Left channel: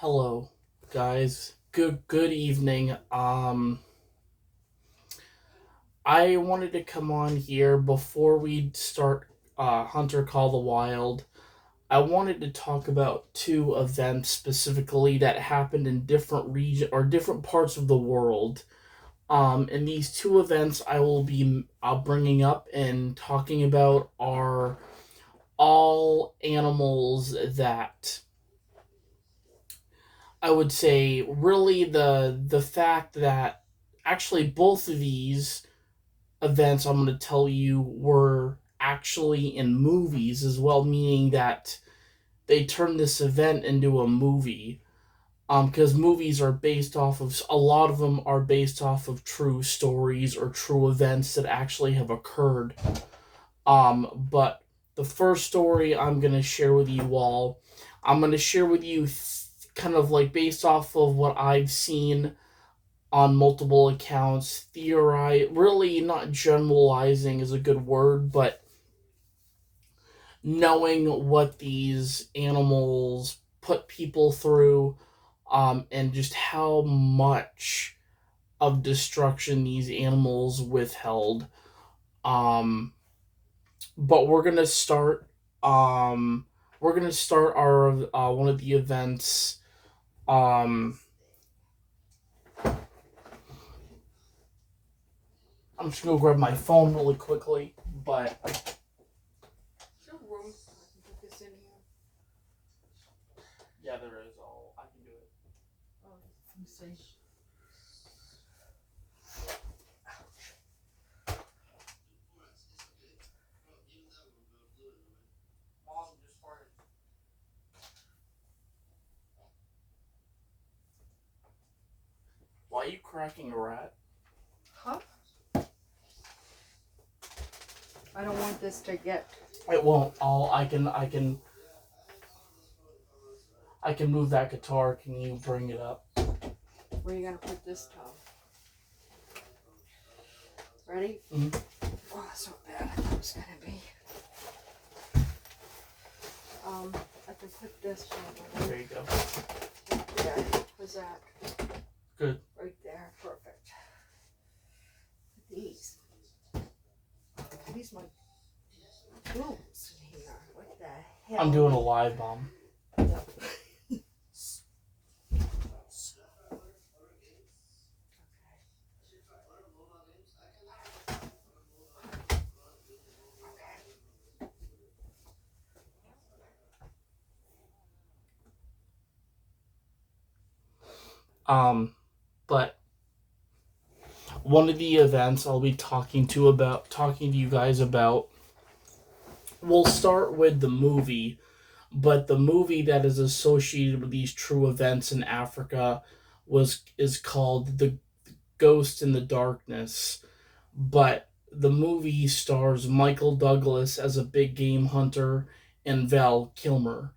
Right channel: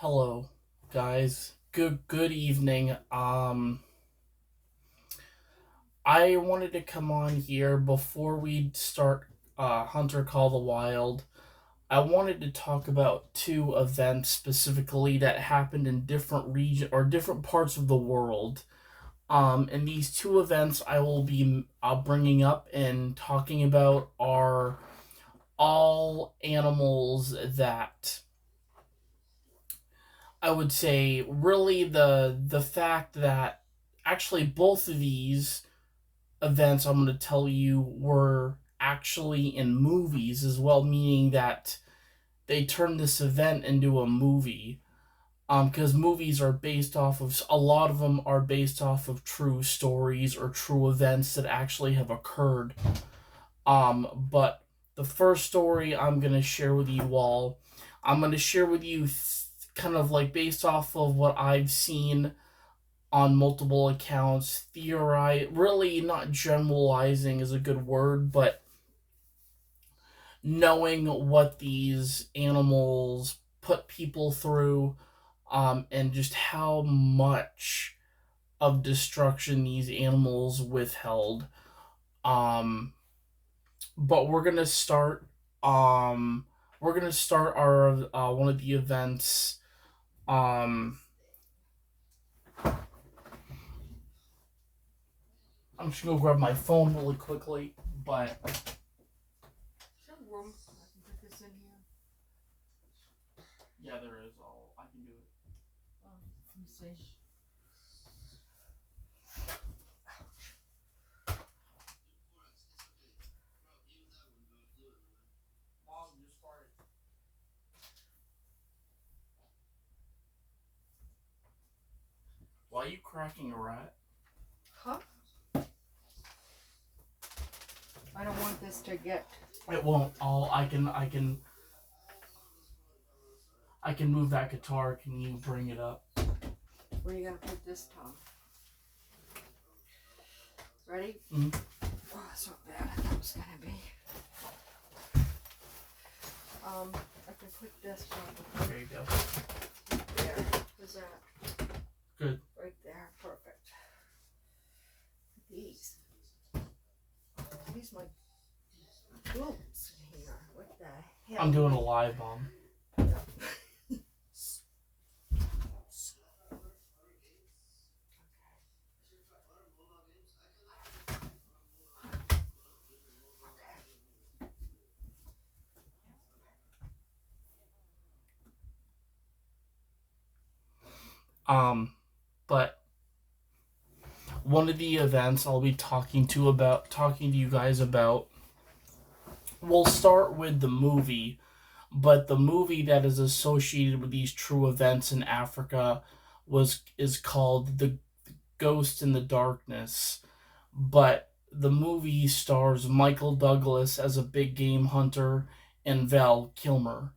Hello, guys. Good evening. I wanted to come on here before we start Hunter Call the Wild. I wanted to talk about two events specifically that happened in different region or different parts of the world. And these two events I will be bringing up and talking about are all animals that I would say really the fact that actually both of these events I'm going to tell you were actually in movies as well, meaning that they turned this event into a movie. Because movies are based off of a lot of them are based off of true stories or true events that actually have occurred. But the first story I'm gonna share with you all, I'm gonna share with you kind of like based off of what I've seen on multiple accounts, theorize, really not generalizing is a good word, but knowing what these animals put people through, and just how much of destruction these animals withheld. Um, but um, we're gonna start our one of the events. Um, I'm just gonna grab my phone really quickly, but Room. I can put this in here. yeah, there is. Oh, I can do it. Oh, let me see. Why are you cracking a rat? Huh? I don't want this to get. It won't. I can move that guitar. Can you bring it up? Where are you gonna put this, Tom? Ready? Mhm. Oh, that's not bad. I thought it was gonna be. I can put this There you go. right there. How's that? Good. Right there. Perfect. These. These my boots in here. What the hell? I'm doing a live bomb. But one of the events I'll be talking to you guys about. We'll start with the movie, but the movie that is associated with these true events in Africa was is called The Ghost in the Darkness. But the movie stars Michael Douglas as a big game hunter and Val Kilmer.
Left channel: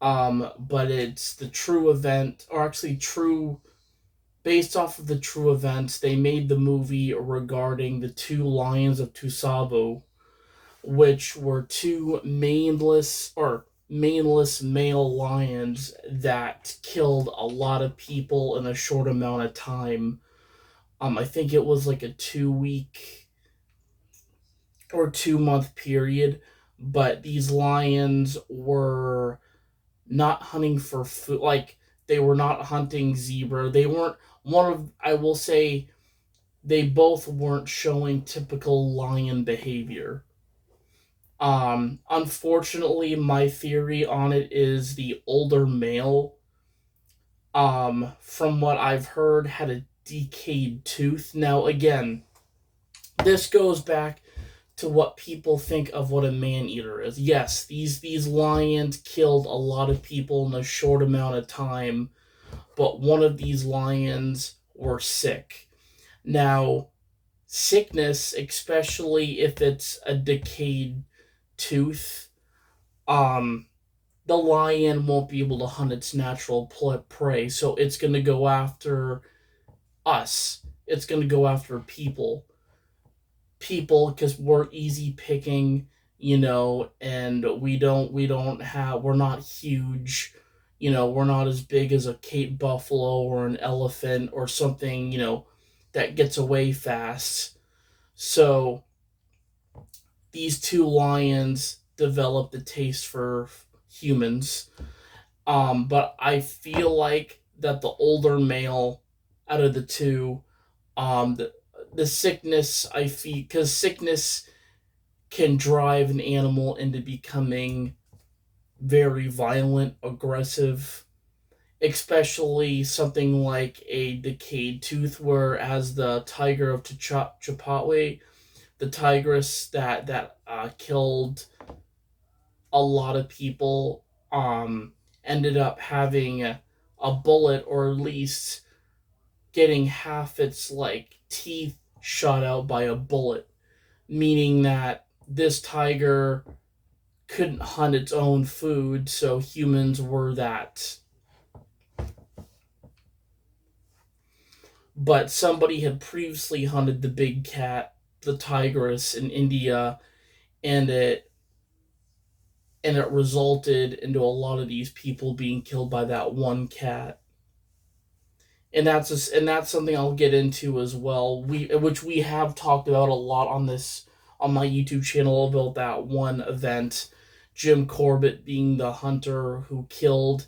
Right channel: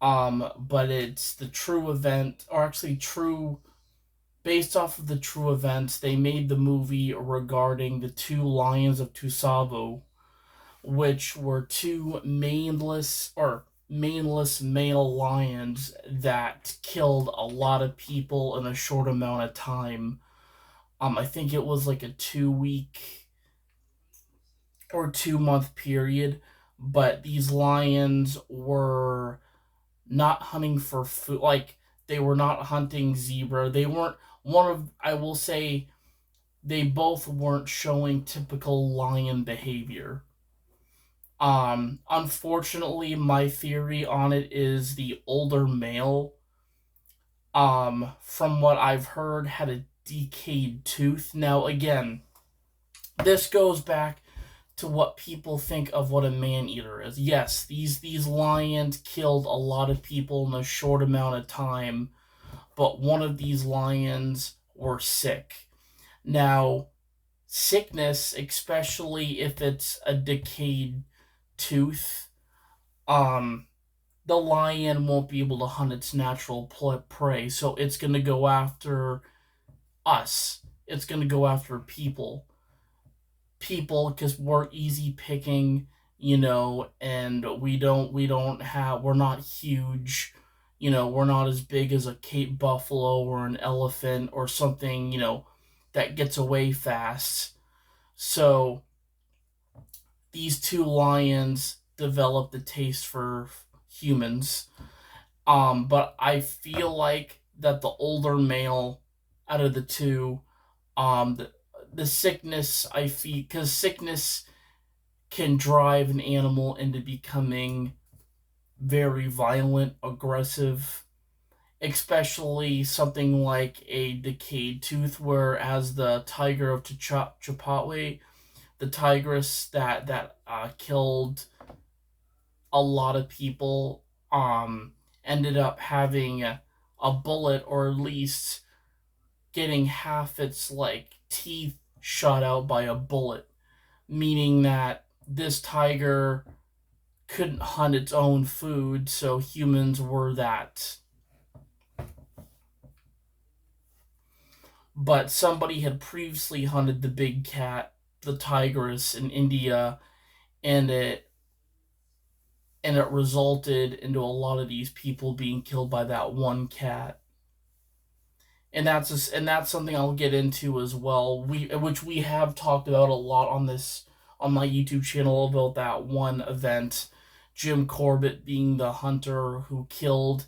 But it's the true event, or actually true, based off of the true events. They made the movie regarding the two lions of Tsavo, which were two maneless male lions that killed a lot of people in a short amount of time. I think it was like a 2 week or 2 month period, but these lions were not hunting for food. Like, they were not hunting zebra. They weren't one of, I will say, they both weren't showing typical lion behavior. Unfortunately, my theory on it is the older male, from what I've heard, had a decayed tooth. Now, again, this goes back to what people think of what a man eater is. Yes, these lions killed a lot of people in a short amount of time, but one of these lions were sick. Now, sickness, especially if it's a decayed tooth, um, the lion won't be able to hunt its natural prey, so it's going to go after us. It's going to go after people because we're easy picking, and we're not huge, we're not as big as a Cape buffalo or an elephant or something, that gets away fast. So these two lions developed a taste for humans. But I feel like that the older male out of the two, the sickness I feel, because sickness can drive an animal into becoming very violent, aggressive, especially something like a decayed tooth, whereas the tiger of Chapatwe, the tigress that killed a lot of people, ended up having a bullet, or at least getting half its like teeth shot out by a bullet, meaning that this tiger couldn't hunt its own food, so humans were that. But somebody had previously hunted the big cat, the tigress, in India, and it resulted into a lot of these people being killed by that one cat. And that's something I'll get into as well. Which we have talked about a lot on my YouTube channel about that one event, Jim Corbett being the hunter who killed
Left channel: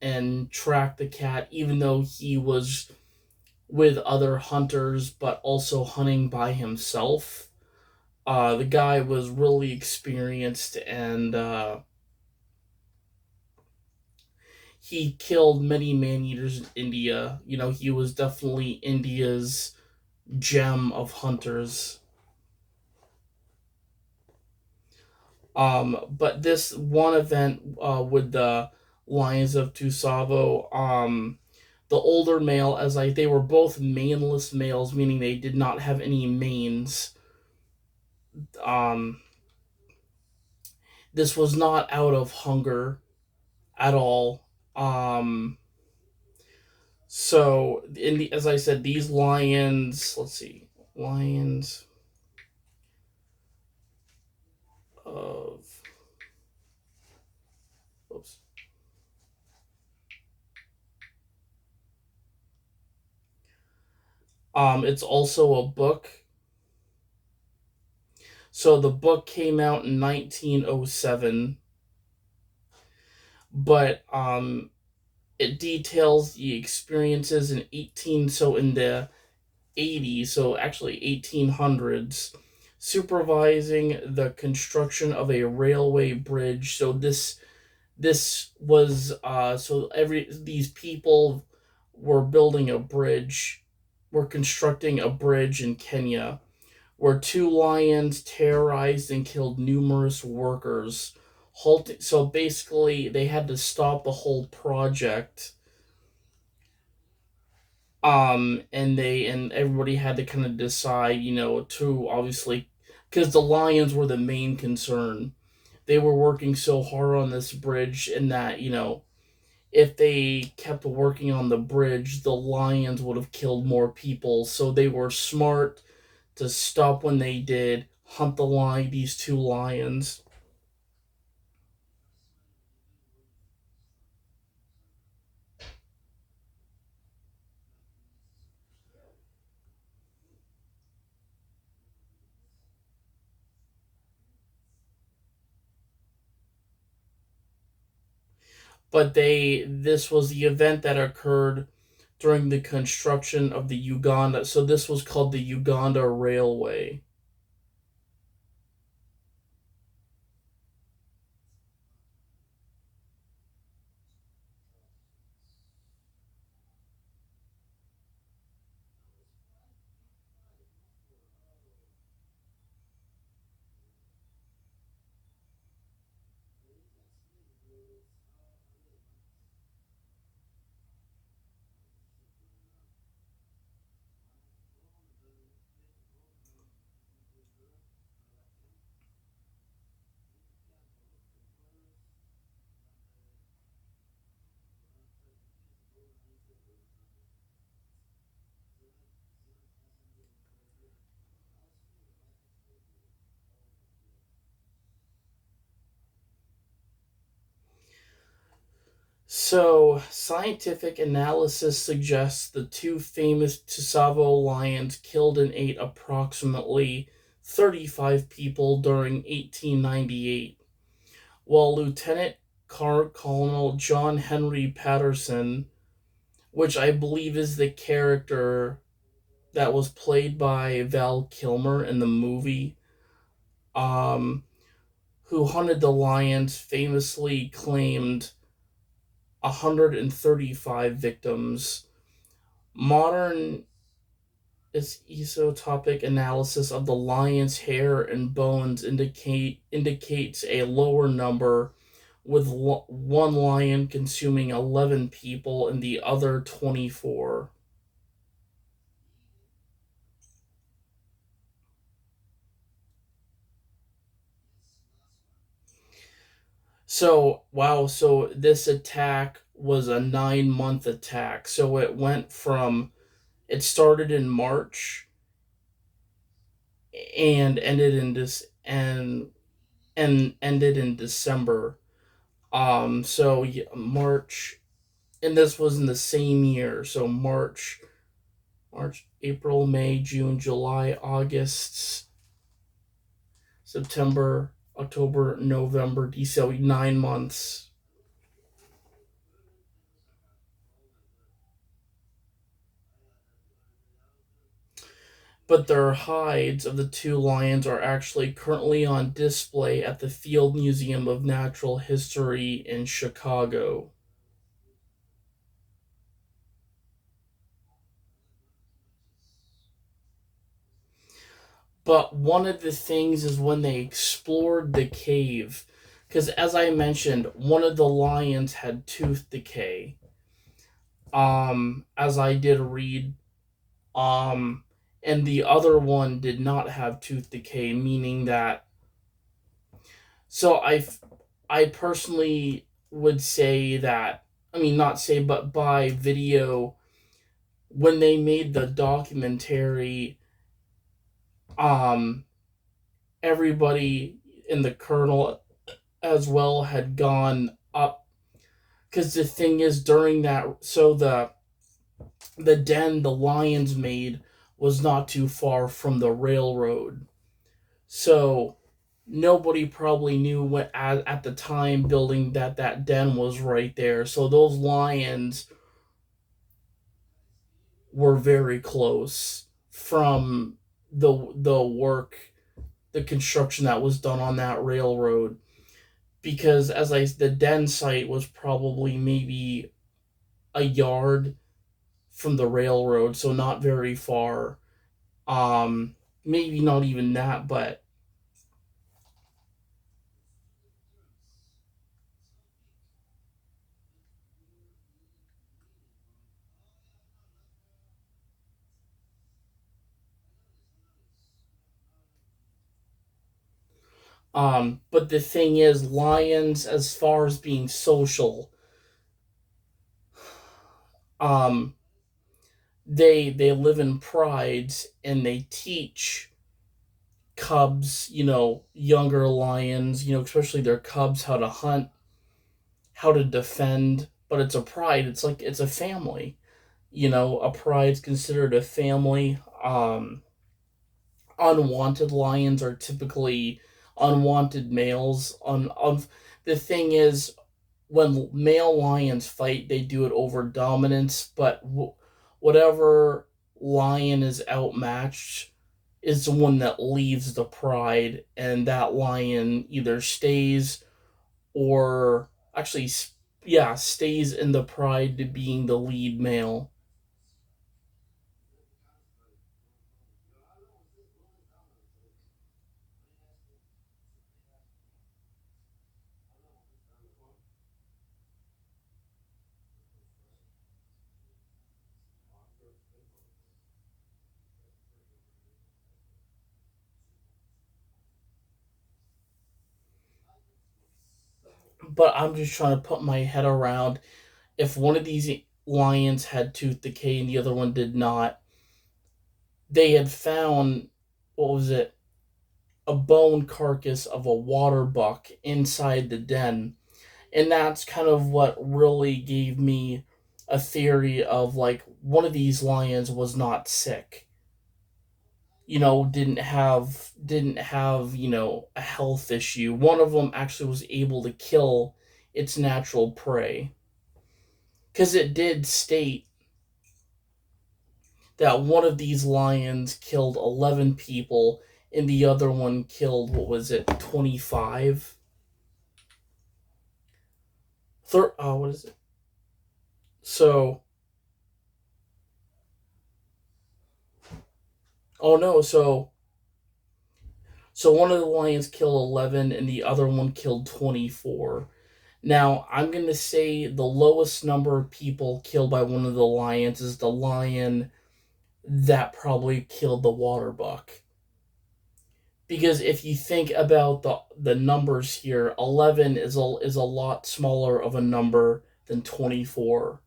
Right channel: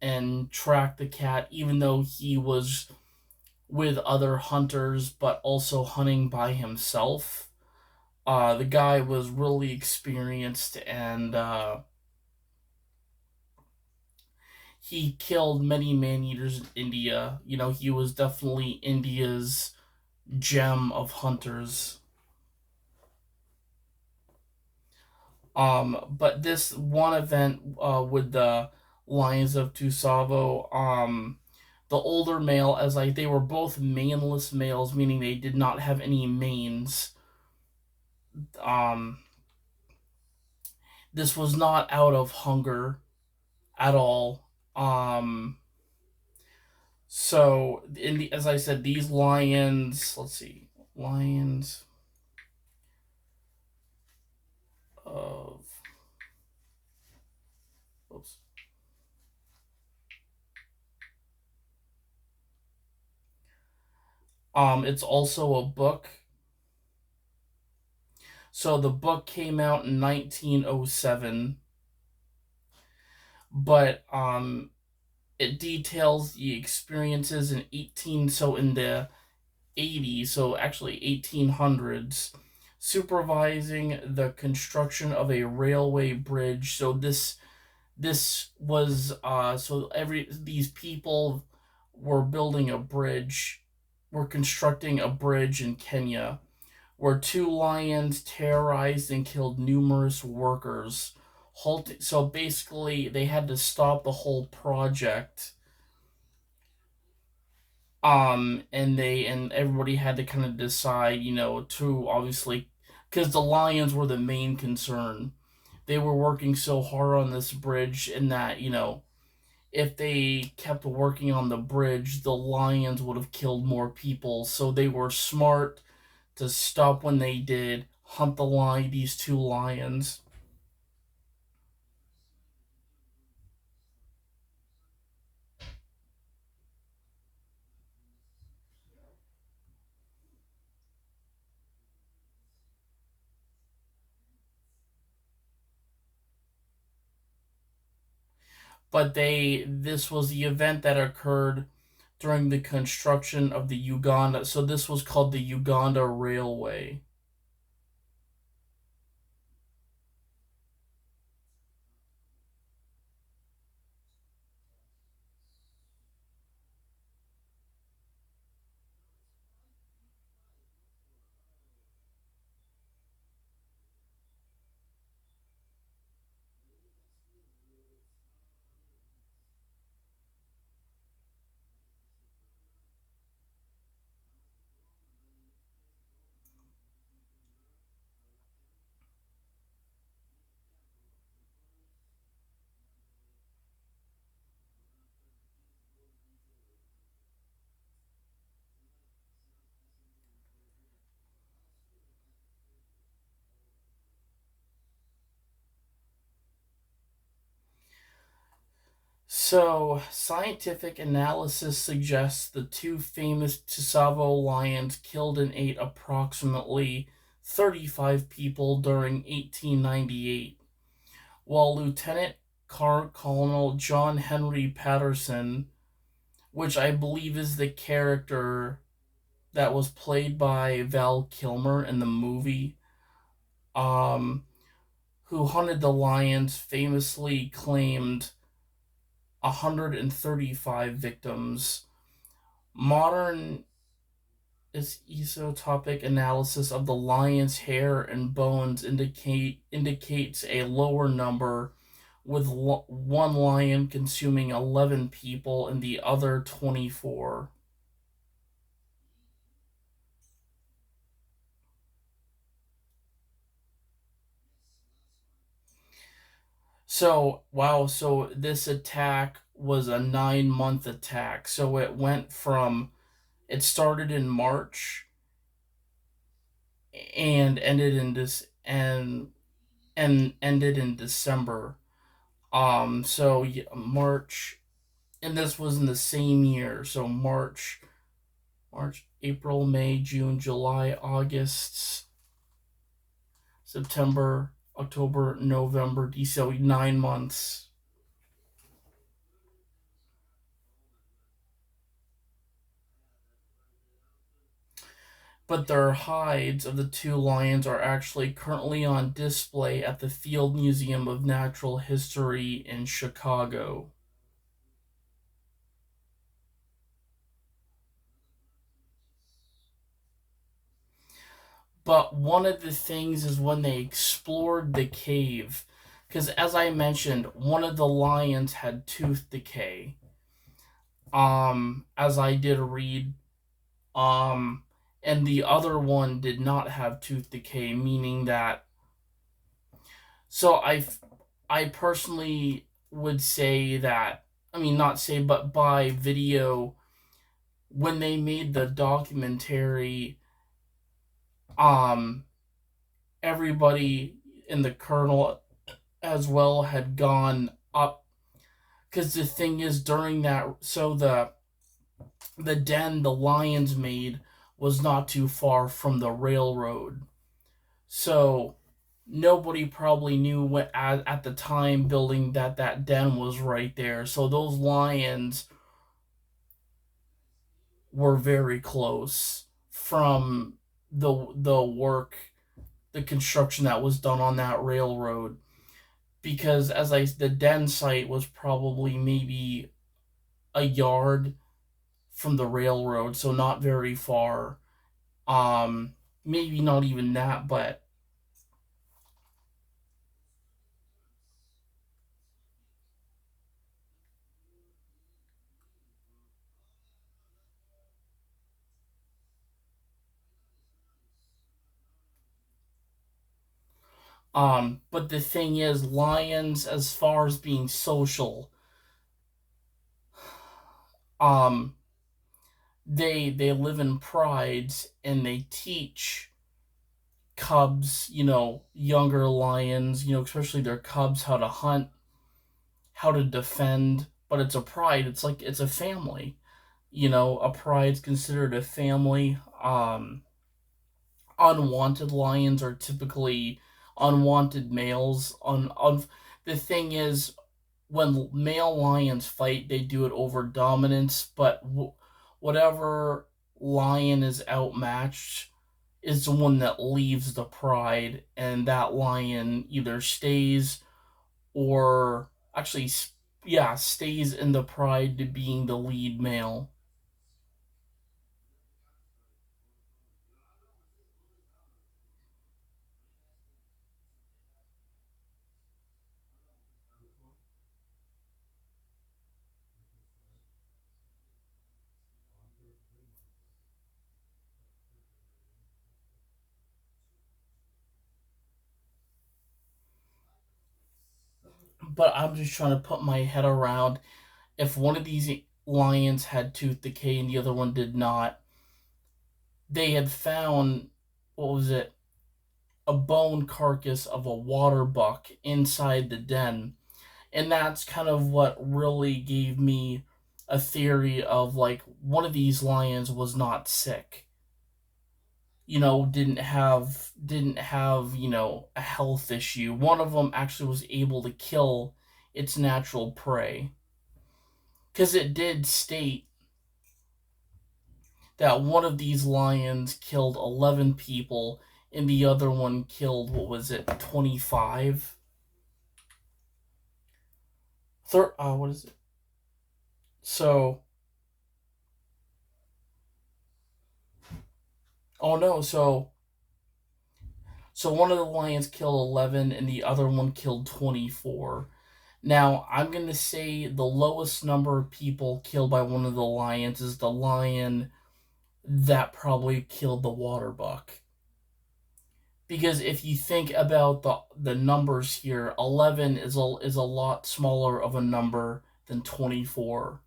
and tracked the cat, even though he was with other hunters, but also hunting by himself. The guy was really experienced, and he killed many man eaters in India. He was definitely India's gem of hunters. But this one event with the Lions of Tusavo, the older male, they were both maneless males, meaning they did not have any manes. Um, this was not out of hunger at all. Um, as I said, these lions. Let's see, lions of. Oops. It's also a book. So the book came out in 1907, but it details the experiences in the 80s, so actually 1800s, supervising the construction of a railway bridge. So this was so every these people were building a bridge, were constructing a bridge in Kenya, where two lions terrorized and killed numerous workers. So basically, they had to stop the whole project. And everybody had to kind of decide, to obviously, because the lions were the main concern. They were working so hard on this bridge, and that, if they kept working on the bridge, the lions would have killed more people. So they were smart to stop when they did, hunt these two lions. But this was the event that occurred during the construction of the Uganda. So this was called the Uganda Railway. So, scientific analysis suggests the two famous Tsavo lions killed and ate approximately 35 people during 1898, while Lieutenant Colonel John Henry Patterson, which I believe is the character that was played by Val Kilmer in the movie, um, who hunted the lions, famously claimed 135 victims. Modern isotopic analysis of the lion's hair and bones indicates a lower number, with one lion consuming 11 people and the other 24. So, wow, so this attack was a 9-month attack. So it started in March and ended in this and ended in December. So yeah, March, and this was in the same year. So March, April, May, June, July, August, September, October, November, December, 9 months. But their hides of the two lions are actually currently on display at the Field Museum of Natural History in Chicago. But one of the things is when they explored the cave, because as I mentioned, one of the lions had tooth decay. As I did read, um, and the other one did not have tooth decay, meaning that. So I personally would say that, I mean, not say, but by video, when they made the documentary, um, everybody in the kernel as well had gone up, because the thing is, during that, so the den the lions made was not too far from the railroad, so nobody probably knew what at the time building that den was right there, so those lions were very close from the work, the construction that was done on that railroad, because the den site was probably maybe a yard from the railroad, so not very far. Um, Maybe not even that, but the thing is, lions, as far as being social, um, they live in prides and they teach cubs, younger lions, especially their cubs, how to hunt, how to defend. But it's a pride. It's like it's a family. A pride's considered a family. Unwanted lions are typically unwanted males. The thing is, when male lions fight, they do it over dominance. But whatever lion is outmatched is the one that leaves the pride, and that lion either stays or actually, yeah, stays in the pride to being the lead male. But I'm just trying to put my head around, if one of these lions had tooth decay and the other one did not, they had found, what was it, a bone carcass of a water buck inside the den. And that's kind of what really gave me a theory of like one of these lions was not sick. Didn't have a health issue. One of them actually was able to kill its natural prey, because it did state that one of these lions killed 11 people and the other one killed, what was it, 25. What is it? So, oh no, so one of the lions killed 11 and the other one killed 24. Now, I'm going to say the lowest number of people killed by one of the lions is the lion that probably killed the water buck. Because if you think about the numbers here, 11 is a lot smaller of a number than 24.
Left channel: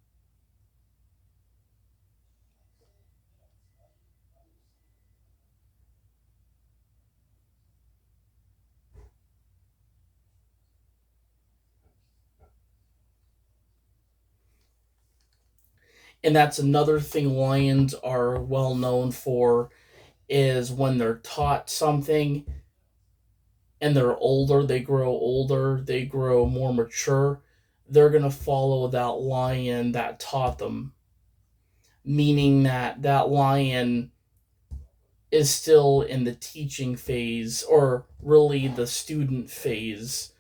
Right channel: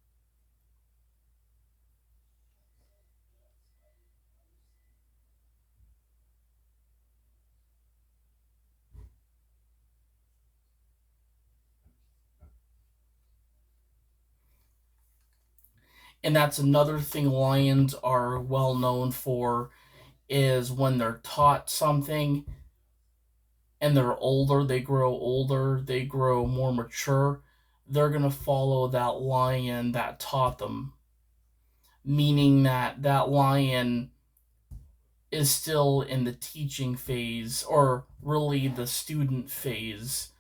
And that's another thing lions are well known for, is when they're taught something and they're older, they grow more mature, they're going to follow that lion that taught them, meaning that that lion is still in the teaching phase, or really the student phase,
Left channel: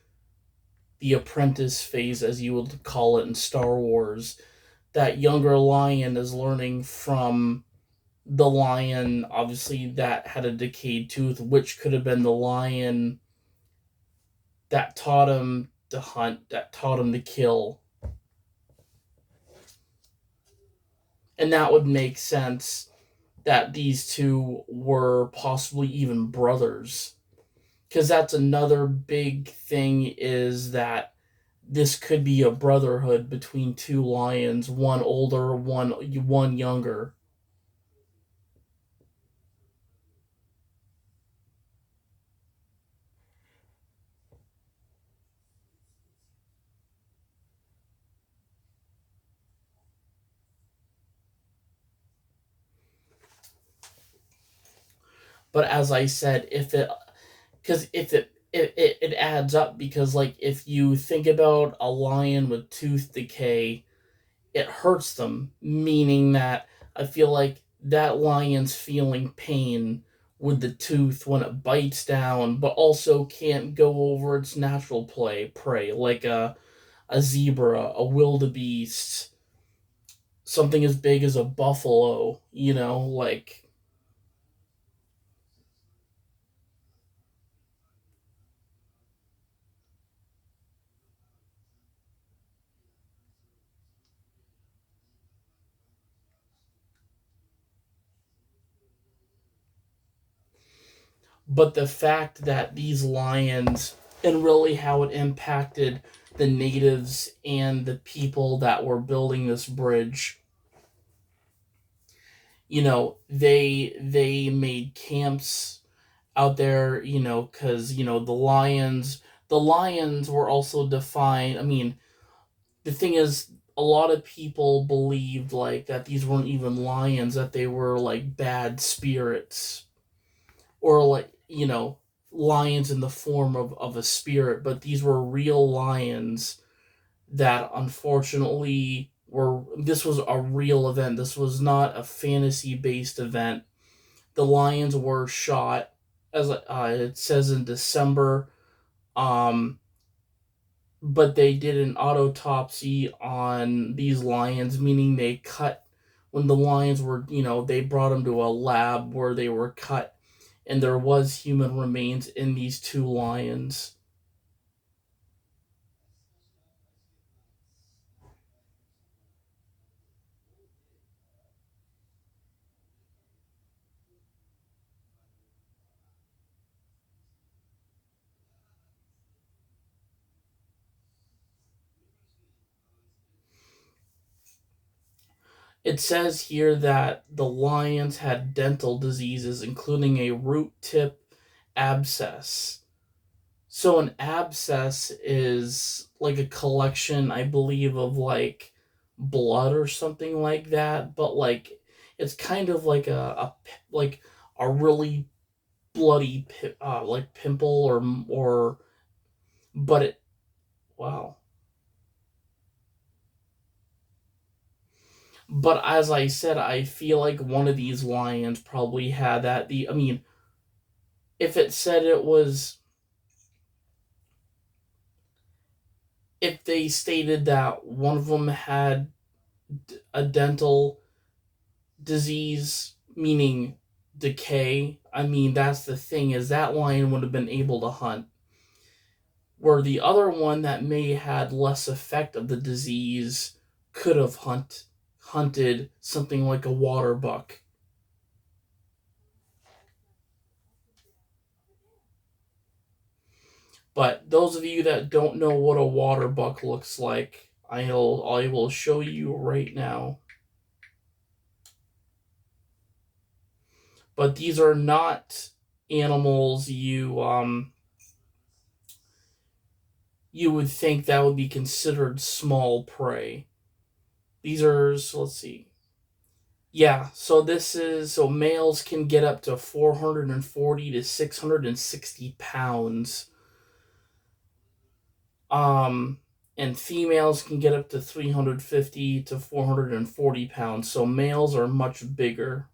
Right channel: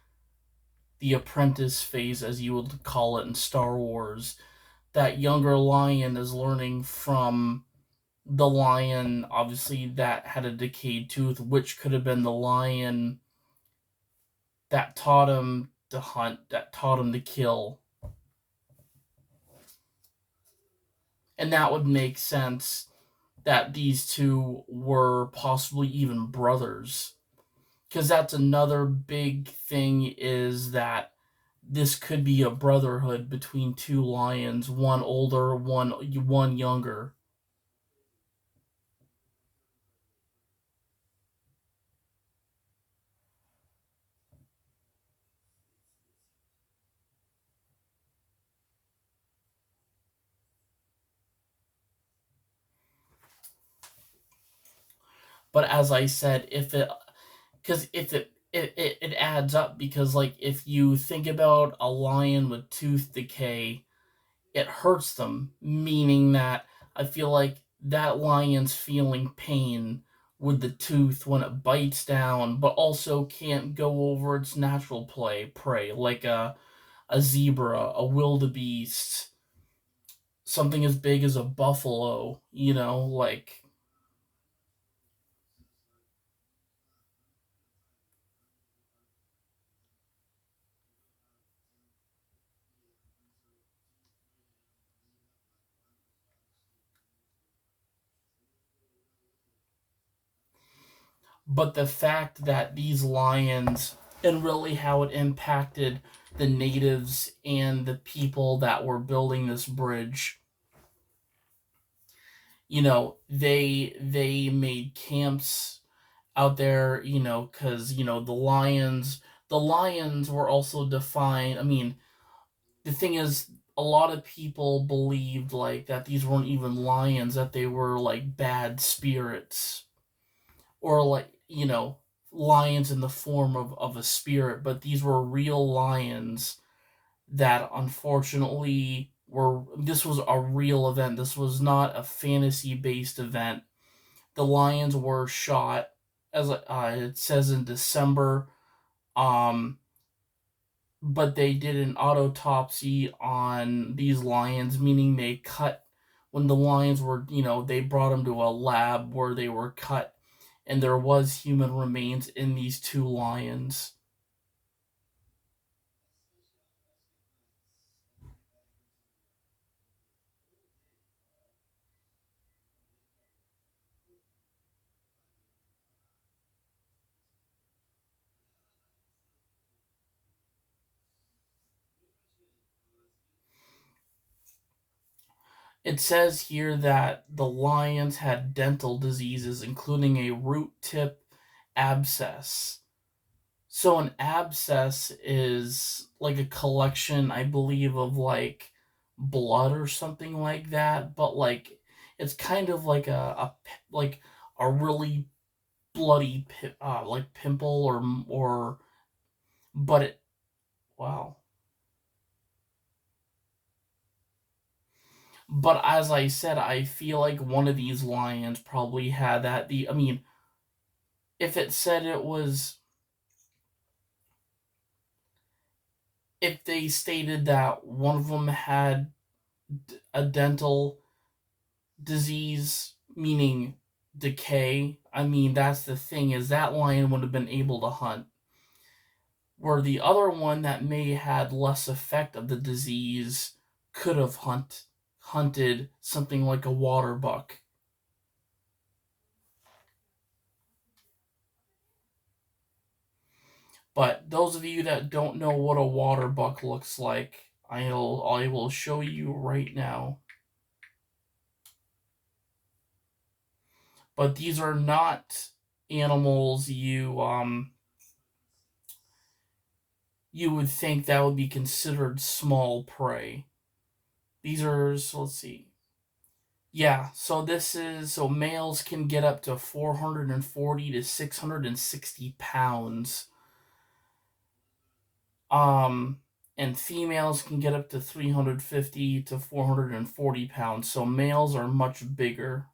the apprentice phase, as you would call it in Star Wars. That younger lion is learning from the lion, obviously, that had a decayed tooth, which could have been the lion that taught him to hunt, that taught him to kill. And that would make sense that these two were possibly even brothers. Because that's another big thing, is that this could be a brotherhood between two lions, one older, one younger. But as I said, if it adds up, because like if you think about a lion with tooth decay, it hurts them, meaning that I feel like that lion's feeling pain with the tooth when it bites down, but also can't go over its natural prey, like a zebra, a wildebeest, something as big as a buffalo, like. But the fact that these lions, and really how it impacted the natives and the people that were building this bridge, they made camps out there, because the lions were also defined. I mean, the thing is, a lot of people believed like that these weren't even lions, that they were like bad spirits, or like, lions in the form of a spirit, but these were real lions that unfortunately were. This was a real event. This was not a fantasy based event. The lions were shot, as it says, in December. Um, but they did an autopsy on these lions, meaning they cut, when the lions were, they brought them to a lab where they were cut, and there was human remains in these two lions. It says here that the lions had dental diseases, including a root tip abscess. So an abscess is like a collection, I believe, of like blood or something like that, but like it's kind of like like a really bloody like pimple or but it wow. But as I said, I feel like one of these lions probably had that. I mean, if it said it was, if they stated that one of them had a dental disease, meaning decay, I mean, that's the thing, is that lion would have been able to hunt. Where the other one that may had less effect of the disease could have hunted something like a water buck. But those of you that don't know what a water buck looks like, I will show you right now. But these are not animals you would think that would be considered small prey. These are, so let's see. Yeah, so so males can get up to 440 to 660 pounds. Um and females can get up to 350 to 440 pounds. So males are much bigger.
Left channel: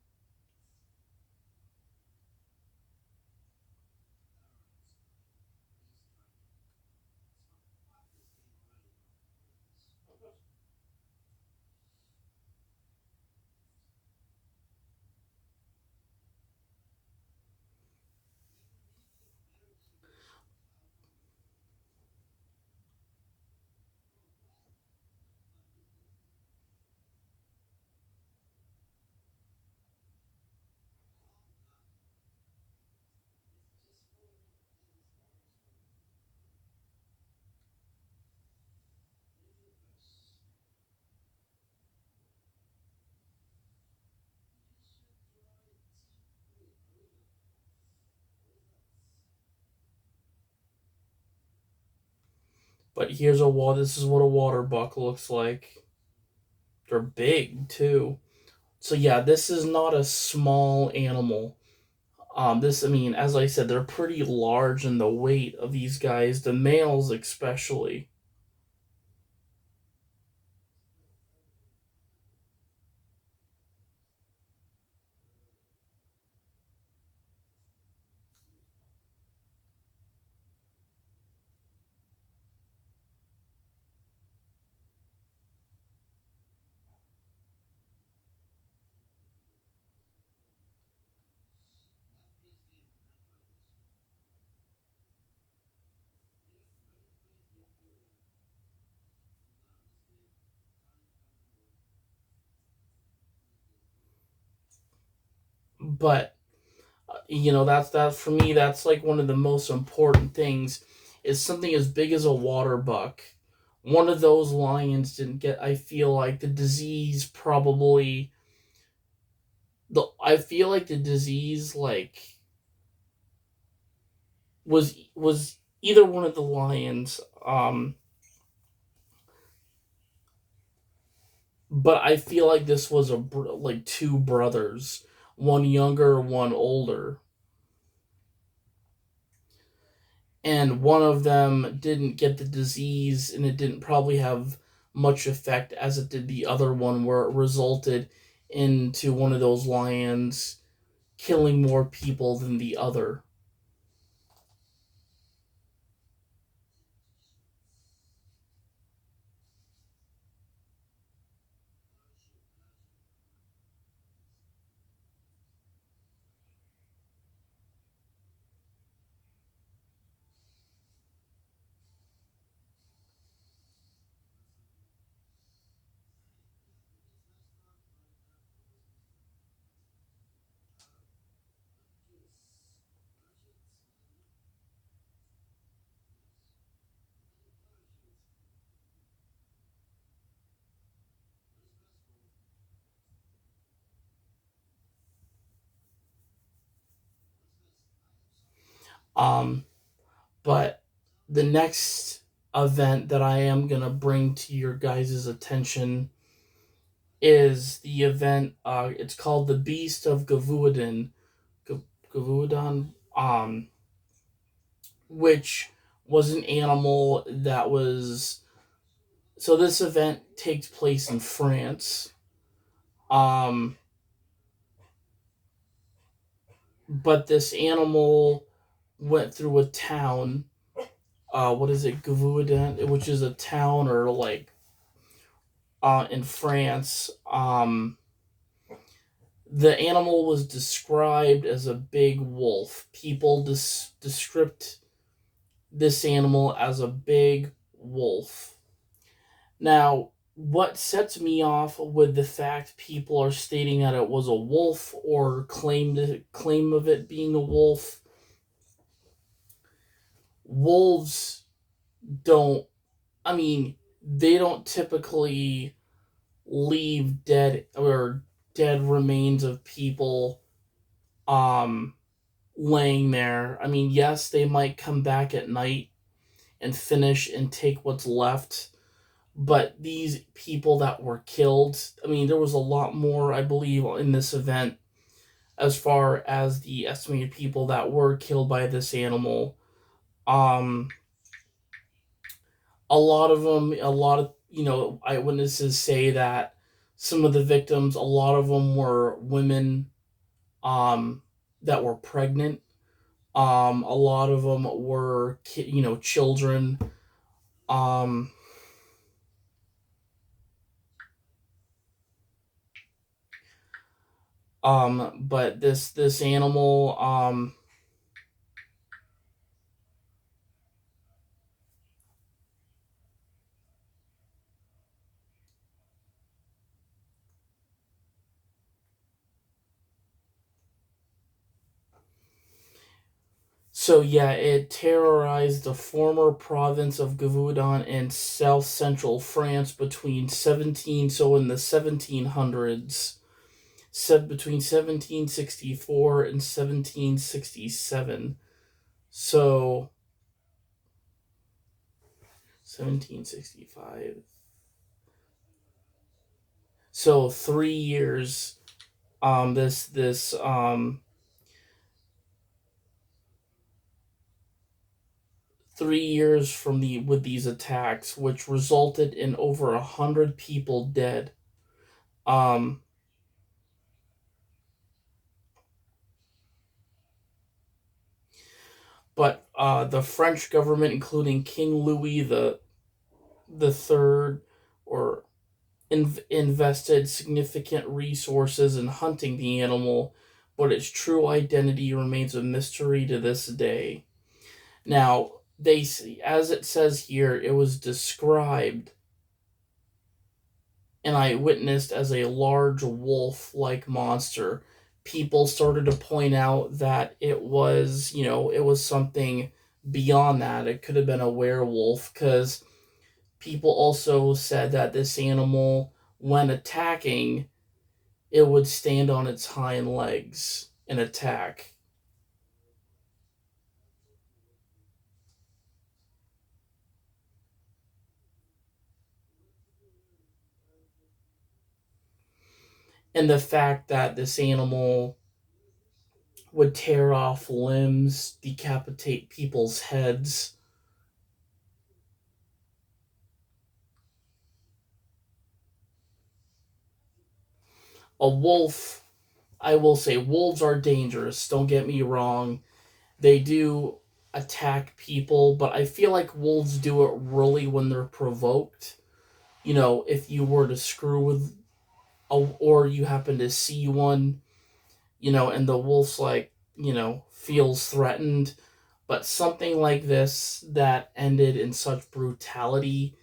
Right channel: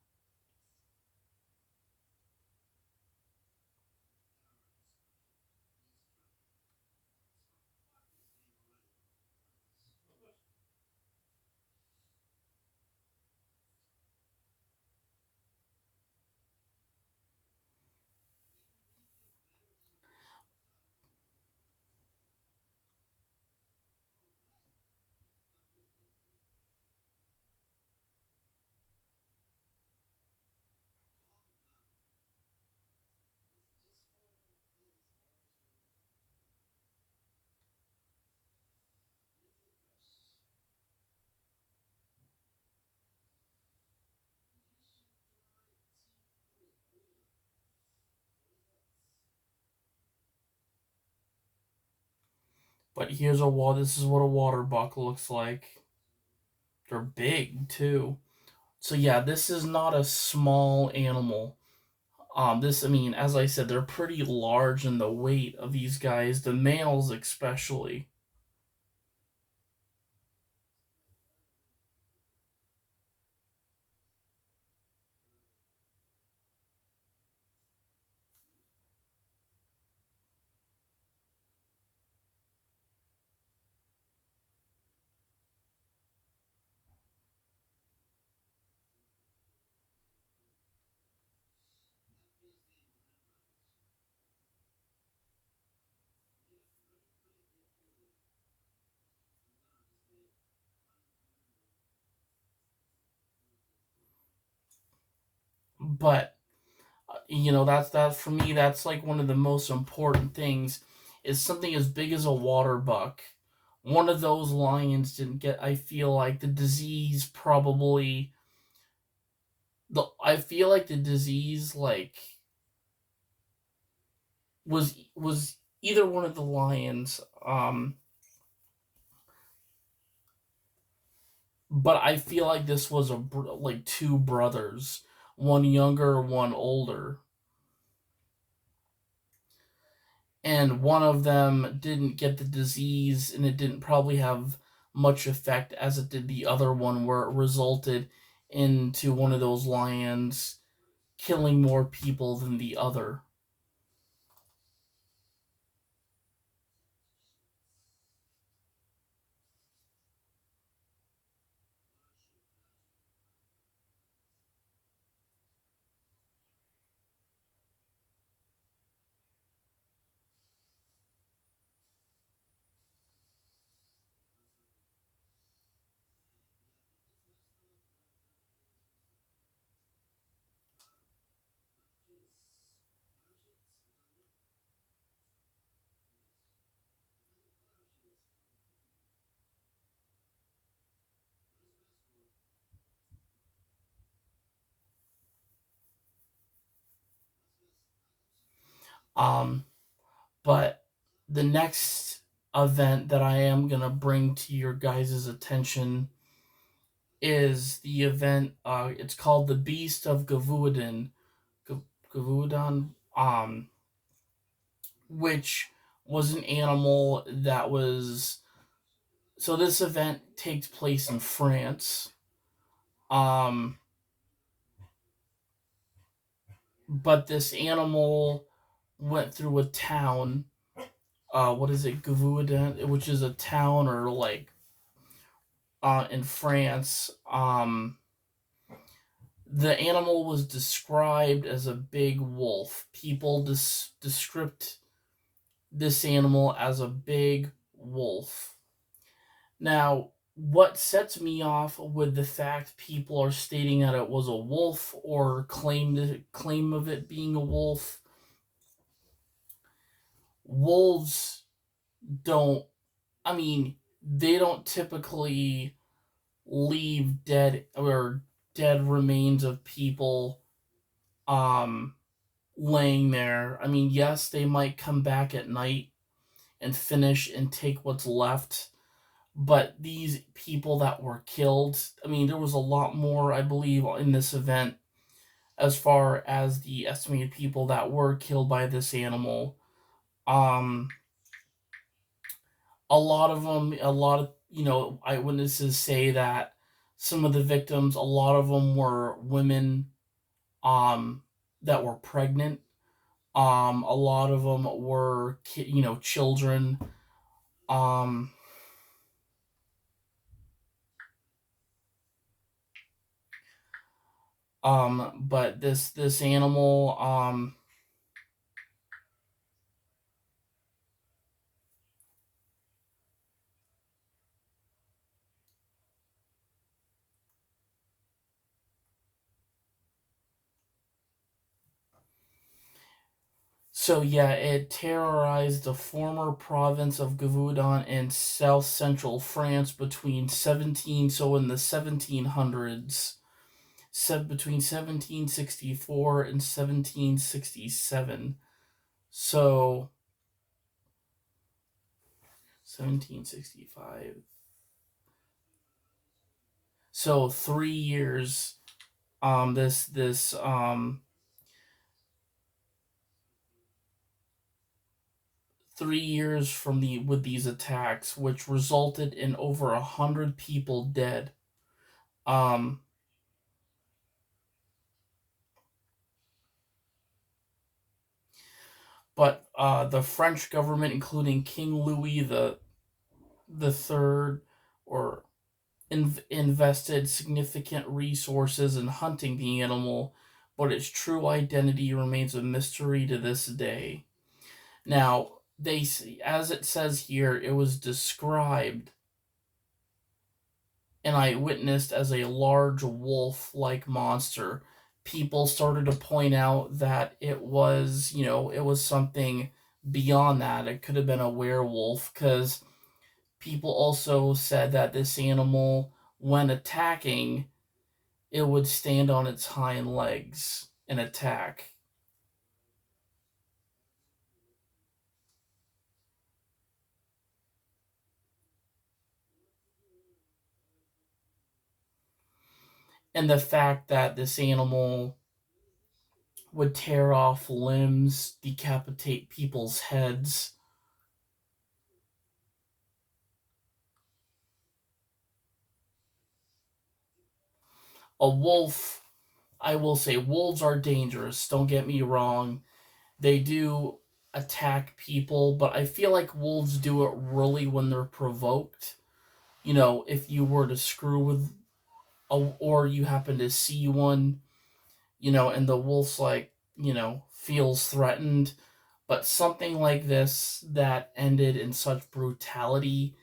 But this is what a water buck looks like. They're big too. So yeah, this is not a small animal. This, I mean, as I said, they're pretty large in the weight of these guys, the males especially. But that's for me. That's like one of the most important things. Is something as big as a water buck. One of those lions didn't get. I feel like the disease probably the. I feel like the disease was either one of the lions. But I feel like this was like two brothers, one younger, one older, and one of them didn't get the disease, and it didn't probably have much effect as it did the other one, where it resulted into one of those lions killing more people than the other. Um, but the next event that I am going to bring to your guys' attention is the event. It's called the Beast of Gavudan. Gavudan, which was an animal that was. So this event takes place in France. Um, but this animal went through a town. What is it, Gavaudan, which is a town or like in France. The animal was described as a big wolf. People descript this animal as a big wolf. Now, what sets me off with the fact people are stating that it was a wolf or claim of it being a wolf? Wolves don't. I mean, they don't typically leave dead remains of people um laying there. I mean, yes, they might come back at night and finish and take what's left, but these people that were killed, I mean, there was a lot more, I believe, in this event as far as the estimated people that were killed by this animal. Um a lot of, eyewitnesses say that some of the victims, a lot of them were women um that were pregnant. A lot of them were children. um but this animal, so yeah, it terrorized the former province of Gavaudan in south central France between 17 so in the 1700s, said between 1764 and 1767. So 1765. So 3 years. This 3 years from the with these attacks, which resulted in over 100 people dead. Um, but the French government, including King Louis the Third, or invested significant resources in hunting the animal, but its true identity remains a mystery to this day. Now, as it says here, it was described and I witnessed as a large wolf like monster. People started to point out that it was something beyond that. It could have been a werewolf, because people also said that this animal, when attacking, it would stand on its hind legs and attack. And the fact that this animal would tear off limbs, decapitate people's heads. A wolf, I will say, wolves are dangerous. Don't get me wrong. They do attack people, but I feel like wolves do it really when they're provoked. If you were to screw with or you happen to see one, and the wolf's like, feels threatened. But something like this that ended in such brutality,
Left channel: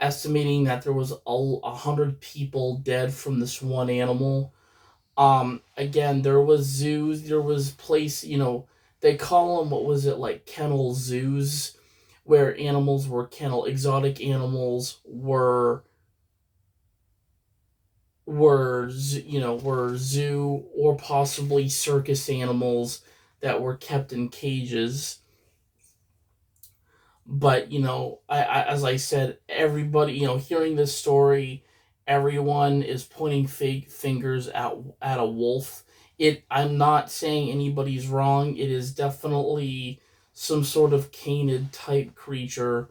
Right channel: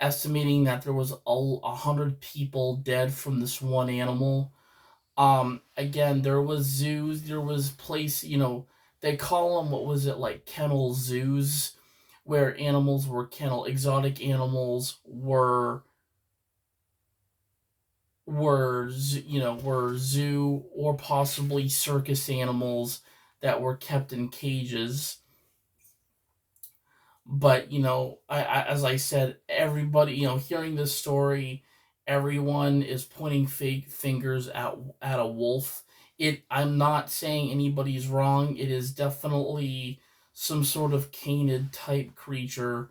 estimating that there was 100 people dead from this one animal. Again, there was zoos, there was place, they call them, what was it, like kennel zoos, where animals were exotic animals were zoo or possibly circus animals that were kept in cages. But as I said, everybody, hearing this story, everyone is pointing fake fingers at a wolf. I'm not saying anybody's wrong. It is definitely some sort of canid type creature,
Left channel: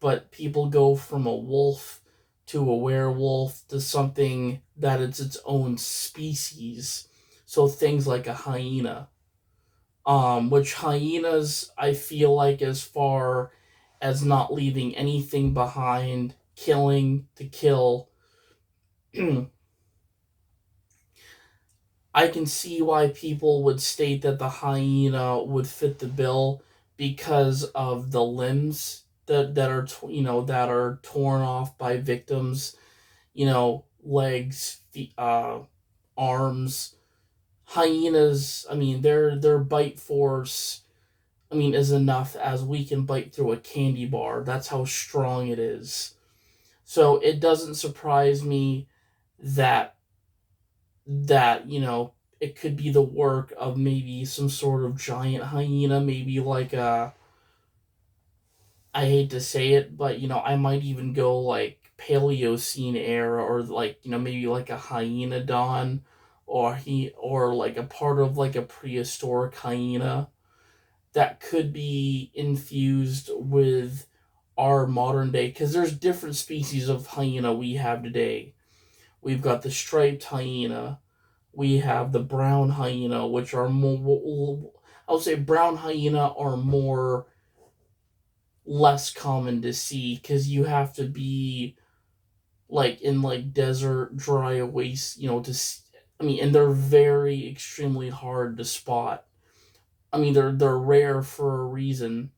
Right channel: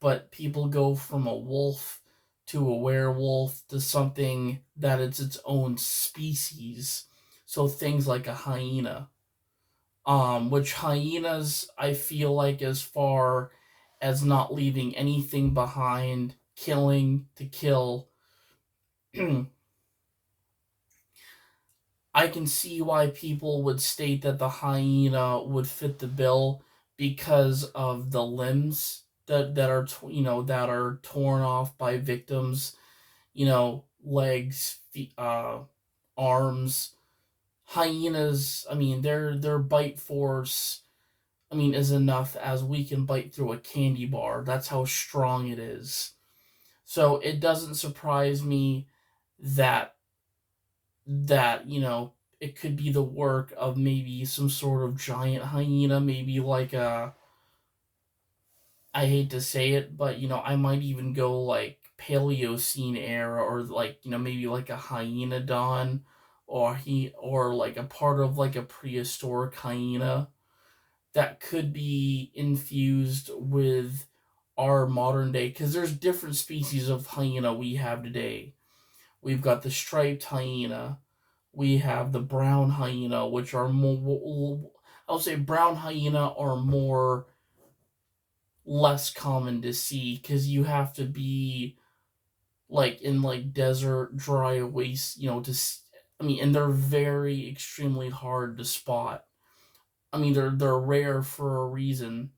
but people go from a wolf to a werewolf to something that it's its own species. So things like a hyena, which hyenas, I feel like, as far as not leaving anything behind, killing to kill, I can see why people would state that the hyena would fit the bill because of the limbs that are that are torn off by victims, legs, feet, arms. Hyenas, I mean, their bite force, I mean, is enough as we can bite through a candy bar. That's how strong it is. So it doesn't surprise me that it could be the work of maybe some sort of giant hyena, maybe like a, I hate to say it, but I might even go like Paleocene era, or like maybe like a hyenodon, or like a part of like a prehistoric hyena that could be infused with our modern day, because there's different species of hyena we have today. We've got the striped hyena, we have the brown hyena, which are more, I would say brown hyena are more less common to see because you have to be like in like desert dry waste, I mean, and they're very extremely hard to spot. I mean, they're rare for a reason.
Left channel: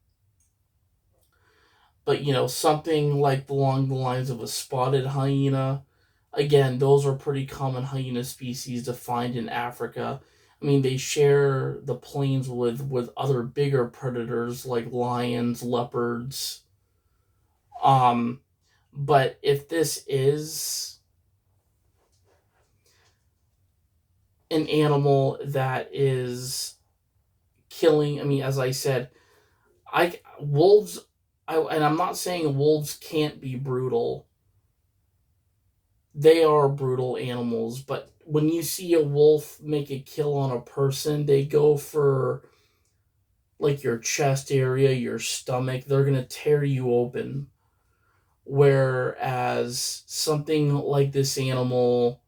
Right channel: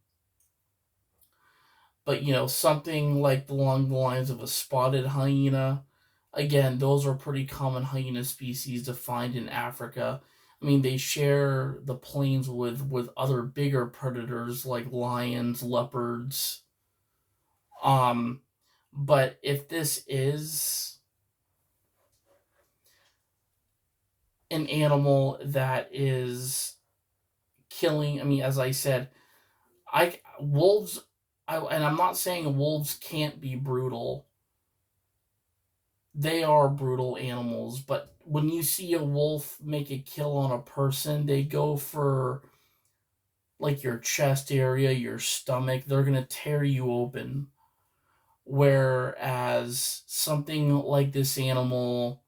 But something like along the lines of a spotted hyena, again, those are pretty common hyena species to find in Africa. I mean, they share the plains with other bigger predators like lions, leopards. Um, but if this is an animal that is killing, I mean, as I said, I wolves, and I'm not saying wolves can't be brutal. They are brutal animals, but when you see a wolf make a kill on a person, they go for like your chest area, your stomach. They're going to tear you open. Whereas something like this animal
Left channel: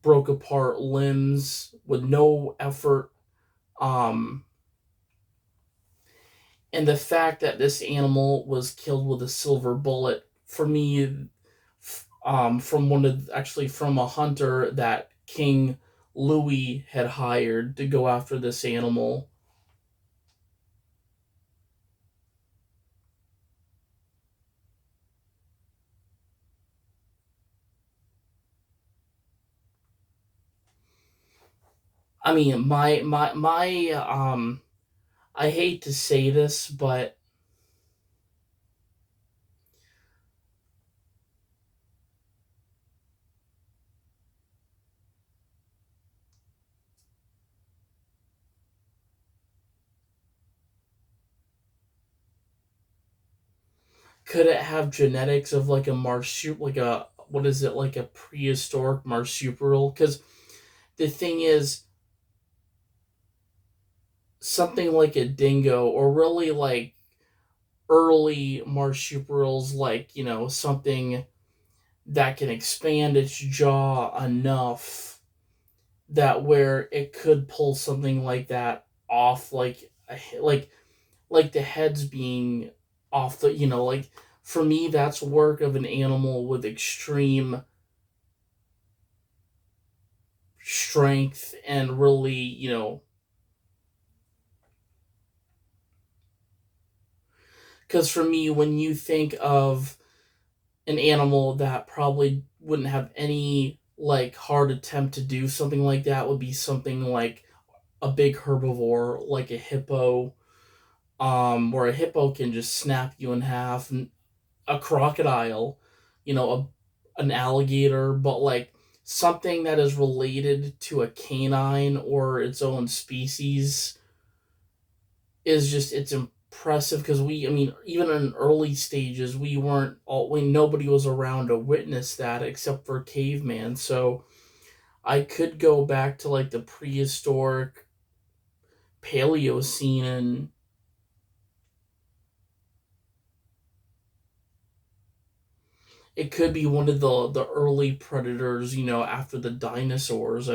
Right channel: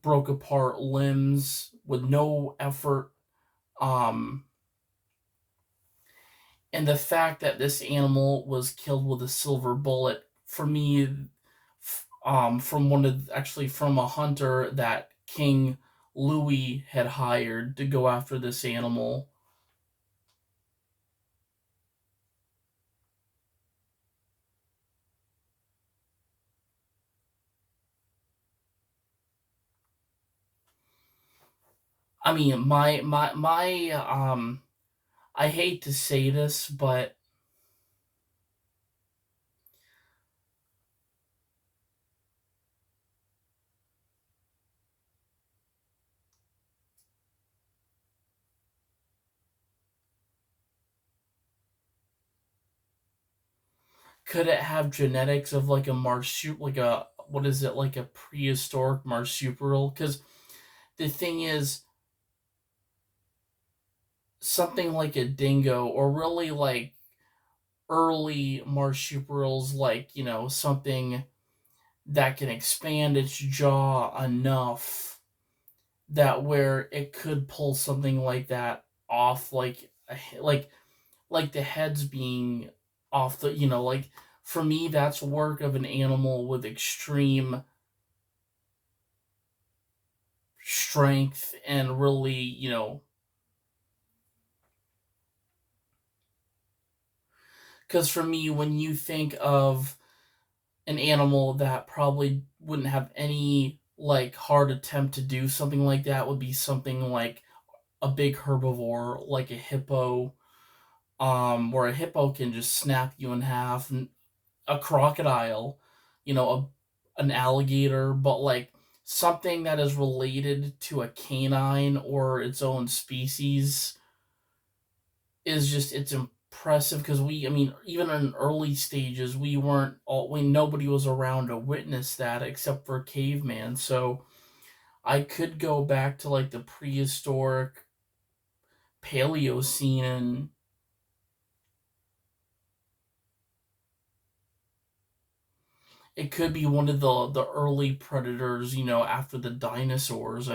broke apart limbs with no effort. Um, and the fact that this animal was killed with a silver bullet, for me, from from a hunter that King Louis had hired to go after this animal. I mean, I hate to say this, but could it have genetics of like a marsupial, like a, what is it, like a prehistoric marsupial? Because the thing is, something like a dingo, or really like early marsupials, like something that can expand its jaw enough that where it could pull something like that off, like the heads being off the, like, for me that's work of an animal with extreme strength and really, because for me, when you think of an animal that probably wouldn't have any like hard attempt to do something like that, would be something like a big herbivore like a hippo, where a hippo can just snap you in half, and a crocodile, an alligator, but like something that is related to a canine or its own species is just impressive because even in early stages, nobody was around to witness that except for caveman. So I could go back to like the prehistoric Paleocene, and it could be one of the early predators, after the dinosaurs.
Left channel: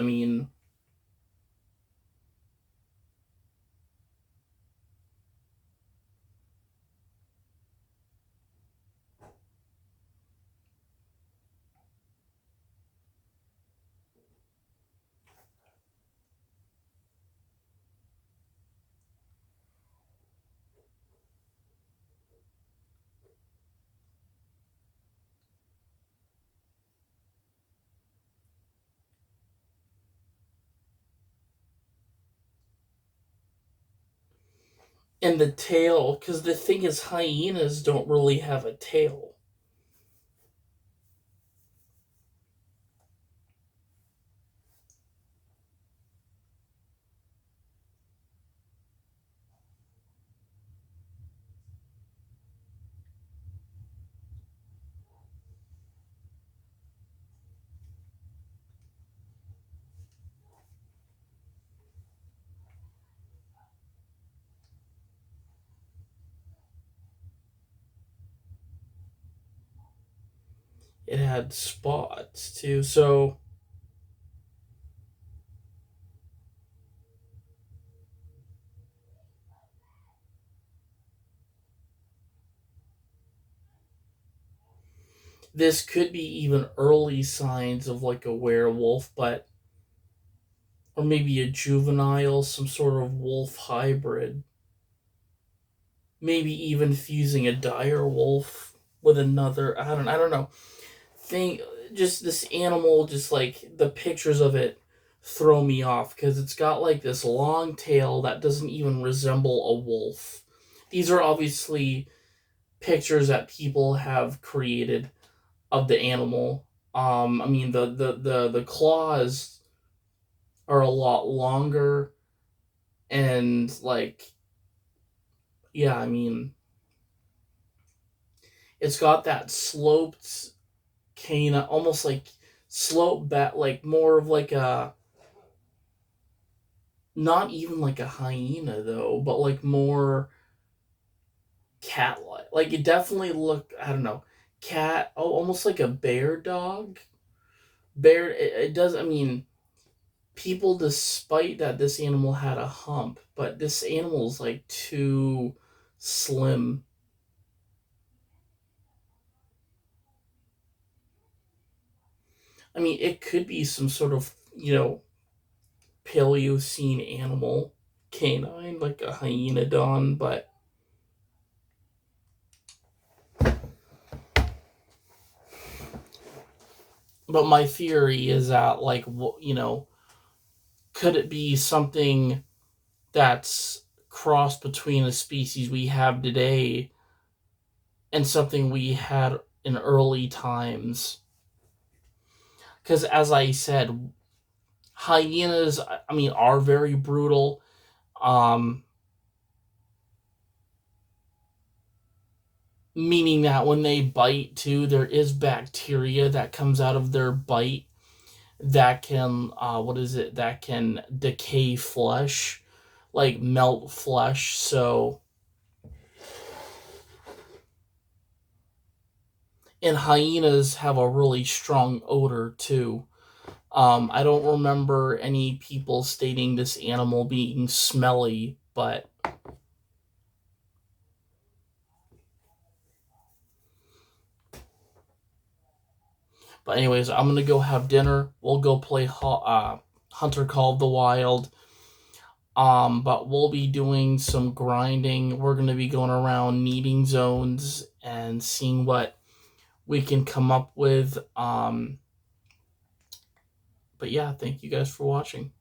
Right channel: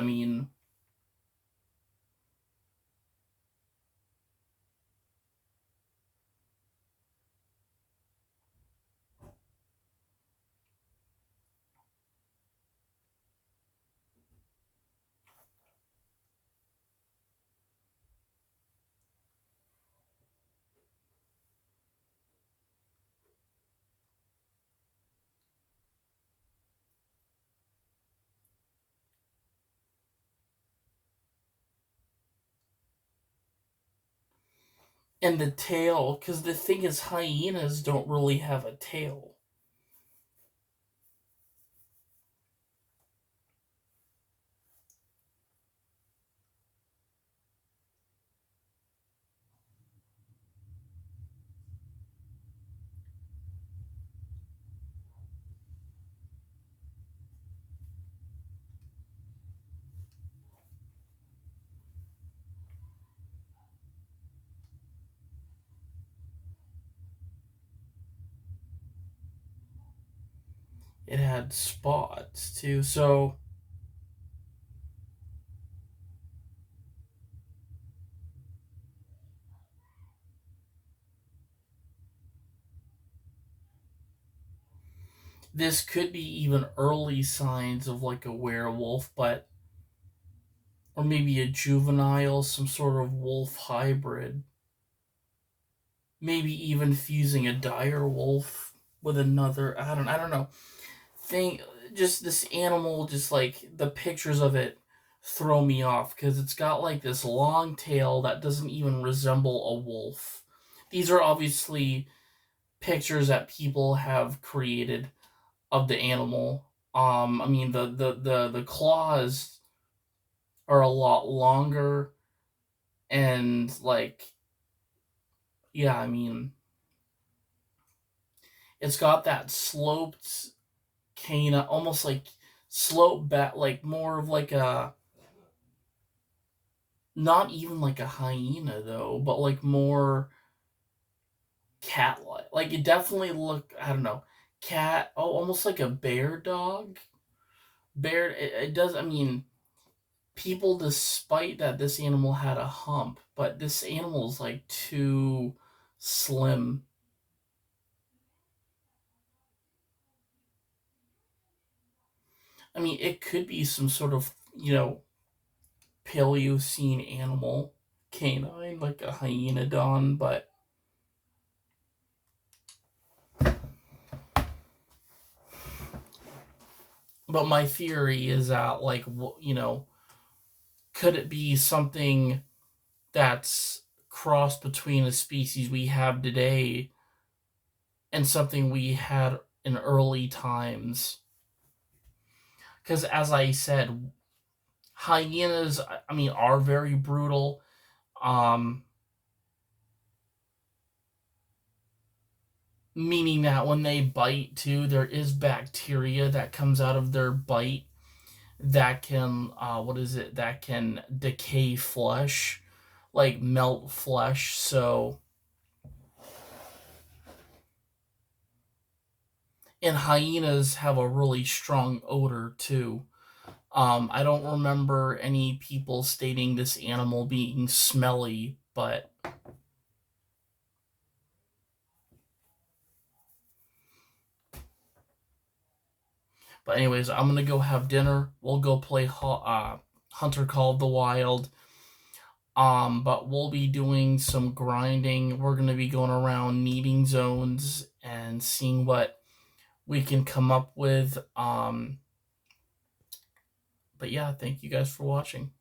And the tail, because the thing is, hyenas don't really have a tail. It had spots too. So this could be even early signs of like a werewolf, but or maybe a juvenile, some sort of wolf hybrid. Maybe even fusing a dire wolf with another. I don't know. Thing just this animal, just like the pictures of it throw me off because it's got like this long tail that doesn't even resemble a wolf. These are obviously pictures that people have created of the animal. The claws are a lot longer, and like, yeah, it's got that sloped canine, almost like slope back, like more of like a, not even like a hyena though, but like more cat like. Like it definitely looked, I don't know, cat, oh, almost like a bear dog. Bear, it does, people, despite that this animal had a hump, but this animal is like too slim. It could be some sort of, Paleocene animal, canine, like a hyenodon, but my theory is that, like, could it be something that's crossed between a species we have today and something we had in early times? Because as I said, hyenas, are very brutal. Um, Meaning that when they bite too, there is bacteria that comes out of their bite that can, what is it, that can decay flesh, like melt flesh. So, and hyenas have a really strong odor too. I don't remember any people stating this animal being smelly, but anyways, I'm gonna go have dinner. We'll go play Hunter Call of the Wild. But we'll be doing some grinding. We're gonna be going around needing zones and seeing what we can come up with. But yeah, thank you guys for watching.